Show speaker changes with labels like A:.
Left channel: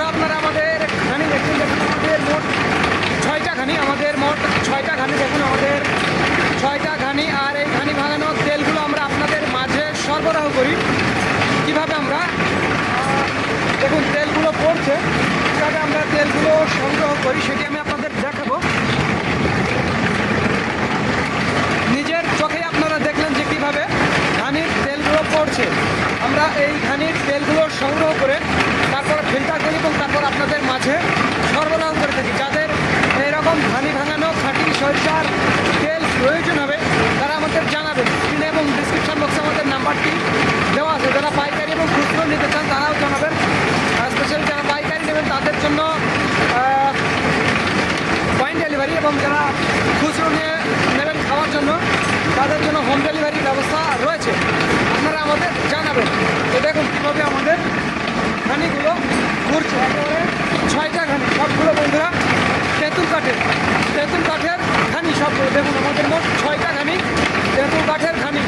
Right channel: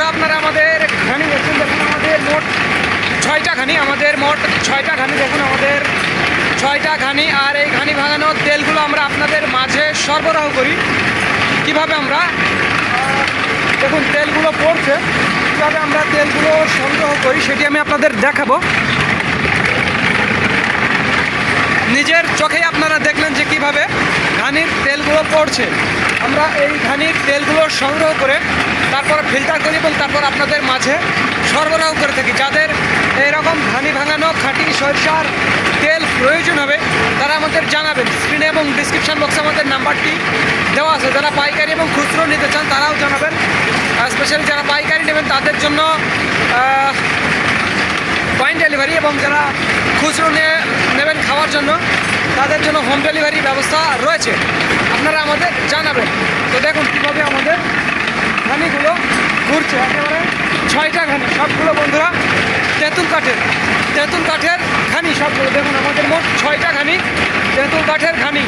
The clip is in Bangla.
A: বন্ধুরা আপনারা আমাদের ঘানি দেখছেন দেখুন আমাদের মোট ছয়টা ঘানি, আমাদের মোট ছয়টা ঘানি, দেখুন আমাদের ছয়টা ঘানি, আর এই ঘানি ভাঙানোর তেলগুলো আমরা আপনাদের মাঝে সরবরাহ করি। কীভাবে আমরা? দেখুন, তেলগুলো পড়ছে। কীভাবে আমরা তেলগুলো সংগ্রহ করি সেটি আমি আপনাদের দেখাবো। নিজের চোখেই আপনারা দেখলেন যে কীভাবে ঘানির তেলগুলো পড়ছে। আমরা এই ঘানির তেলগুলো সংগ্রহ করে ফিল্টার করি এবং তারপর আপনাদের মাঝে সরবরাহ করে থাকি। যাদের এরকম ধানি ভাঙানো, খাঁটি সরিষার তেল প্রয়োজন হবে, তারা আমাদের জানাবেন। স্ক্রিনে এবং ডিসক্রিপশন বক্সে আমাদের নাম্বারটি দেওয়া আছে। যারা পাইকারি এবং খুচরো নিতে চান, তারাও জানাবেন। স্পেশালি যারা পাইকারি নেবেন, তাদের জন্য পয়েন্ট ডেলিভারি এবং যারা খুচরো নিয়ে নেবেন খাওয়ার জন্য, তাদের জন্য হোম ডেলিভারি ব্যবস্থা রয়েছে। আপনারা আমাদের জানাবেন। তো দেখুন সবগুলো বন্ধুরা, তেঁতুল কাঠের তেঁতুল কাঠের খানি সবগুলো। দেখুন, আমাদের মোট ছয়টা খানি তেঁতুল কাঠের খানি